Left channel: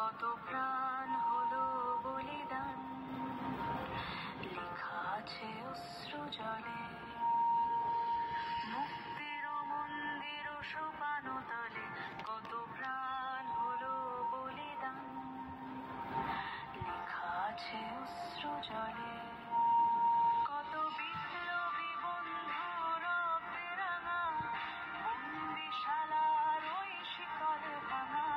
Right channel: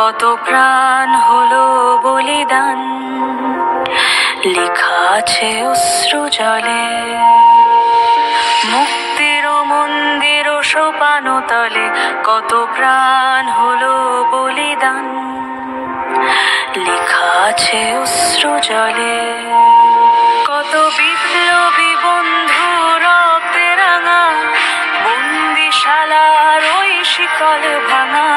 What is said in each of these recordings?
কত প্রাণ হলো বলিদান, লেখা আছে অশ্রু জলে। মুক্তির মন্দির সোপানো তলে কত প্রাণ হলো বলিদান, লেখা আছে অশ্রু জলে। কত বিপ্লবী বন্ধু রক্তে রাঙা, বন্দিশালার ওই শিকল ভাঙা।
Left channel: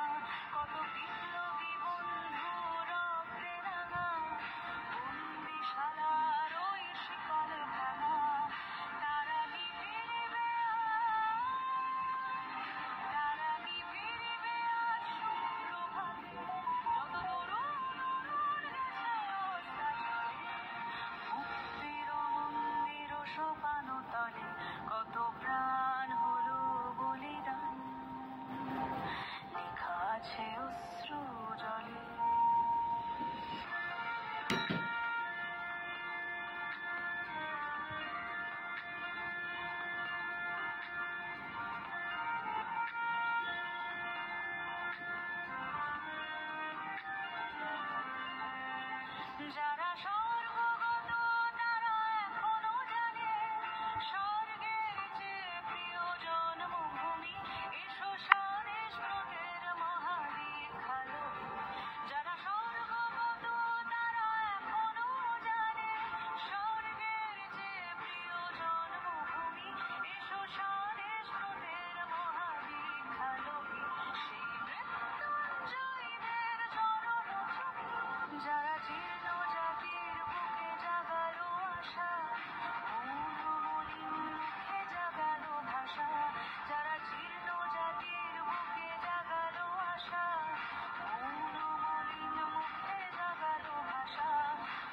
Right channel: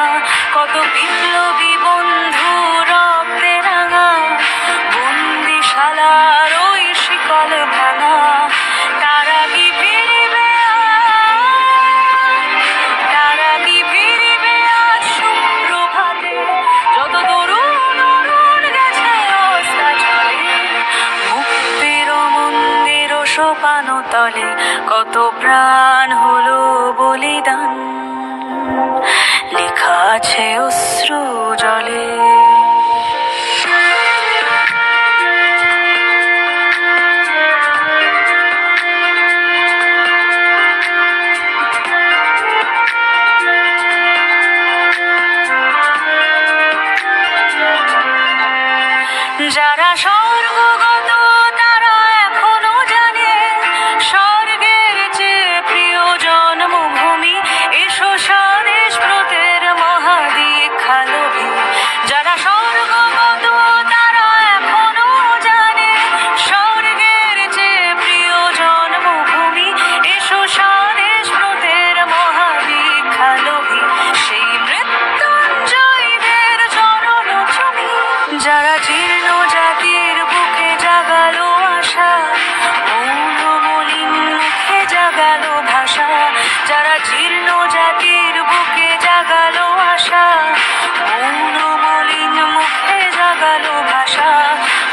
কত বিপ্লবী বন্ধু রক্তে রাঙা, বন্দিশালার ওই শিকল ভাঙা। তারা কি ফিরিবে, তারা কি ফিরিবে আজ সুপ্রভাতে, যত তরুণ অরুণ গেছে অস্তাচলে। মুক্তির মন্দির সোপানো তলে কত প্রাণ হলো বলিদান, লেখা আছে অশ্রু জলে। যারা স্বর্গগত তারা এখনো জানে, স্বর্গের চেয়ে প্রিয় জন্মভূমি এসো স্বদেশ ব্রতের মহাদীক্ষা লোভী। যারা স্বর্গগত তারা এখনো জানে, স্বর্গের চেয়ে প্রিয় জন্মভূমি এসো স্বদেশ ব্রতের মহাদীক্ষা লোভী। সেই মৃত্যুঞ্জয়ীদের চরণ ছবি, যারা জীর্ণ জাতির বুকে জাগালো আশা, মৌন মলিন মুখে জাগালো ভাষা। যারা জীর্ণ জাতির বুকে জাগালো আশা, মৌন মলিন মুখে জাগালো ভাষা।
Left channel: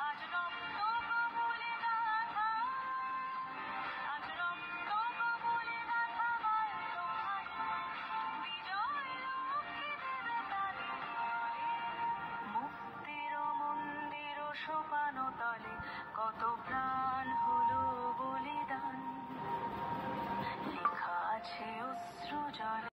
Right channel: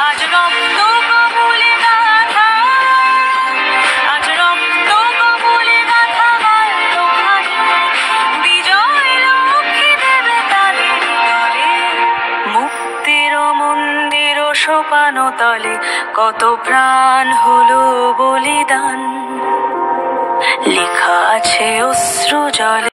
আজ রক্ত কমলে গাথা, আজ রক্ত কমলে গাথা বাল্যখানি, বিজয় লক্ষ্মী দেবে তাদের দলে। মুক্তির মন্দির সোপানো তলে কত প্রাণ হলো বলিদান, লেখা আছে অশ্রু জলে।